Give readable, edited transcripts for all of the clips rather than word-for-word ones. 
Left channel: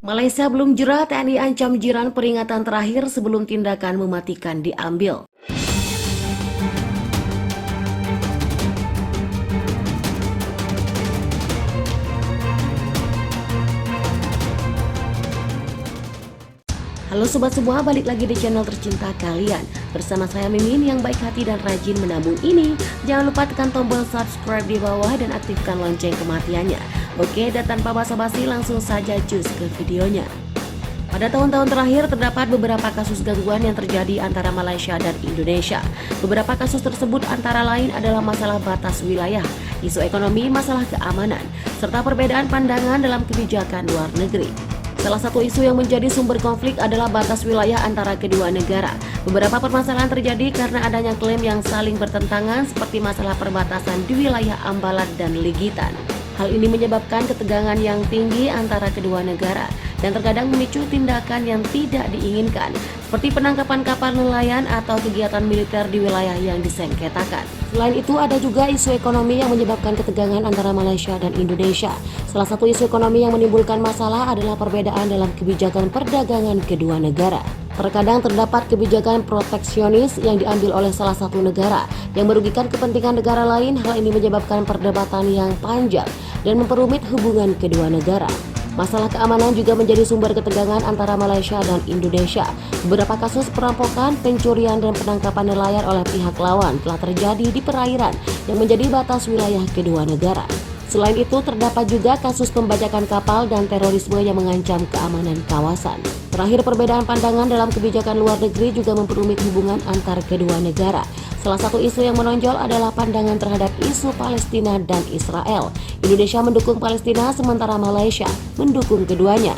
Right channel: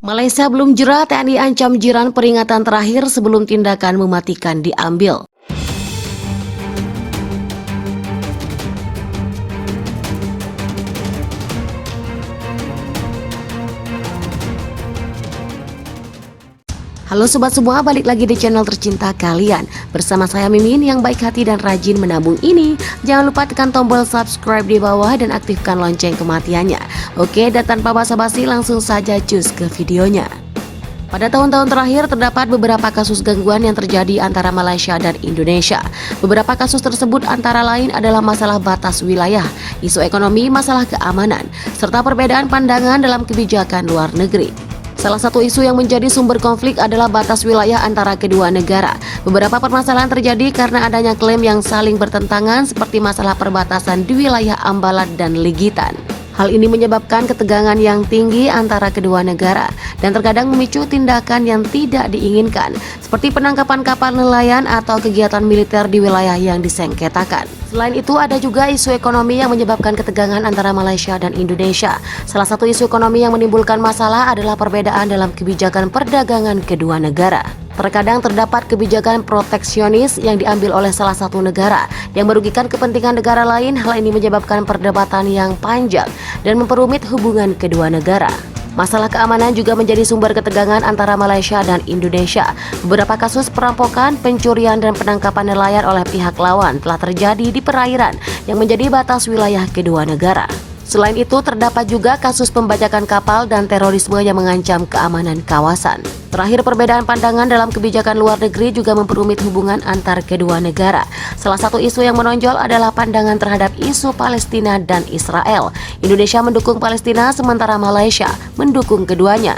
Malaysia belum jera, TNI ancam jiran peringatan terakhir sebelum tindakan mematikan diambil. Halo sobat semua, balik lagi di channel tercinta kalian. Bersama saya Mimin yang baik hati dan rajin menabung ini. Jangan lupa tekan tombol subscribe di bawah dan aktifkan lonceng kematiannya. Oke, dan tanpa basa-basi langsung saja cus ke videonya. Pada tahun-tahun terakhir terdapat beberapa kasus gangguan yang terjadi antara Malaysia dan Indonesia. Beberapa kasus tersebut antara lain adalah masalah batas wilayah, isu ekonomi, masalah keamanan, serta perbedaan pandangan dalam kebijakan luar negeri. Salah satu isu yang menjadi sumber konflik adalah batas wilayah antara kedua negara. Beberapa permasalahan terjadi karena adanya klaim yang saling bertentangan seperti masalah perbatasan di wilayah Ambalat dan Legitan. Hal ini menyebabkan ketegangan yang tinggi antara kedua negara dan terkadang memicu tindakan yang tidak diinginkan seperti penangkapan kapal nelayan atau kegiatan militer di wilayah yang disengketakan. Selain itu ada juga isu ekonomi yang menyebabkan ketegangan antara Malaysia dan Indonesia. Salah satu isu ekonomi yang menimbulkan masalah adalah perbedaan dalam kebijakan perdagangan kedua negara. Terkadang terdapat kebijakan proteksionis yang diambil oleh salah satu negara yang merugikan kepentingan negara lain. Hal ini menyebabkan perdebatan yang panjang dan memperumit hubungan kedua negara. Masalah keamanan juga menjadi sumber ketegangan antara Malaysia dan Indonesia. Beberapa kasus perampokan, pencurian, dan penangkapan nelayan oleh pihak lawan telah terjadi di perairan yang menjadi batas wilayah kedua negara. Selain itu, terdapat juga kasus pembajakan kapal dan terorisme yang mengancam keamanan kawasan. Terakhir, perbedaan pandangan dalam kebijakan luar negeri juga memperumit hubungan antar kedua negara. Salah satu isu yang menonjol adalah pandangan terhadap isu Palestina dan Israel. Indonesia mendukung Palestina sementara Malaysia mendukung keduanya.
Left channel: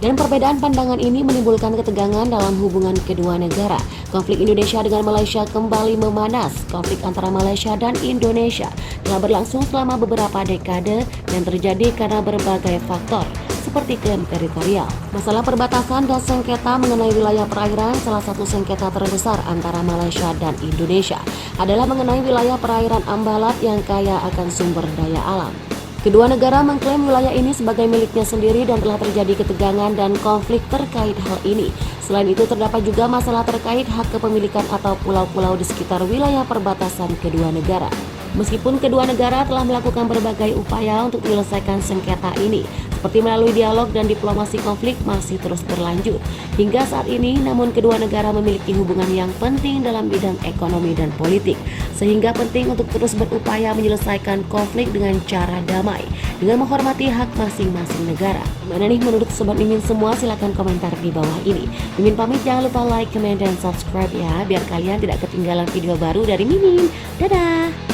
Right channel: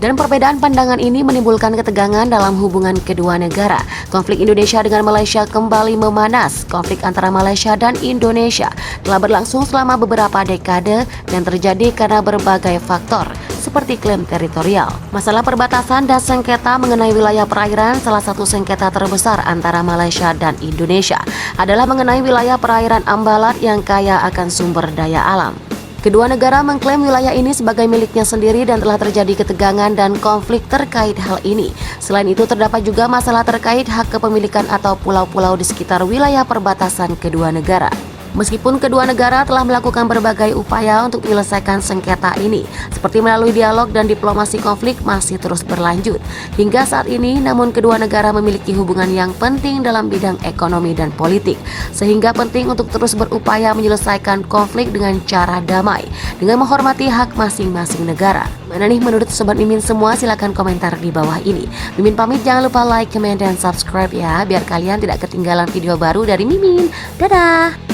Dan perbedaan pandangan ini menimbulkan ketegangan dalam hubungan kedua negara. Konflik Indonesia dengan Malaysia kembali memanas. Konflik antara Malaysia dan Indonesia telah berlangsung selama beberapa dekade yang terjadi karena berbagai faktor, seperti klaim teritorial, masalah perbatasan dan sengketa mengenai wilayah perairan. Salah satu sengketa terbesar antara Malaysia dan Indonesia adalah mengenai wilayah perairan Ambalat yang kaya akan sumber daya alam. Kedua negara mengklaim wilayah ini sebagai miliknya sendiri dan telah terjadi ketegangan dan konflik terkait hal ini. Selain itu terdapat juga masalah terkait hak kepemilikan atau pulau-pulau di sekitar wilayah perbatasan kedua negara. Meskipun kedua negara telah melakukan berbagai upaya untuk menyelesaikan sengketa ini, seperti melalui dialog dan diplomasi, konflik masih terus berlanjut. Hingga saat ini, namun kedua negara memiliki hubungan yang penting dalam bidang ekonomi dan politik, sehingga penting untuk terus berupaya menyelesaikan konflik dengan cara damai, dengan menghormati hak masing-masing negara. Gimana nih menurut Sobat Mimin semua? Silahkan komentar di bawah ini. Mimin pamit, jangan lupa like, comment, dan subscribe ya, biar kalian tidak ketinggalan video baru dari Mimin. Dadah!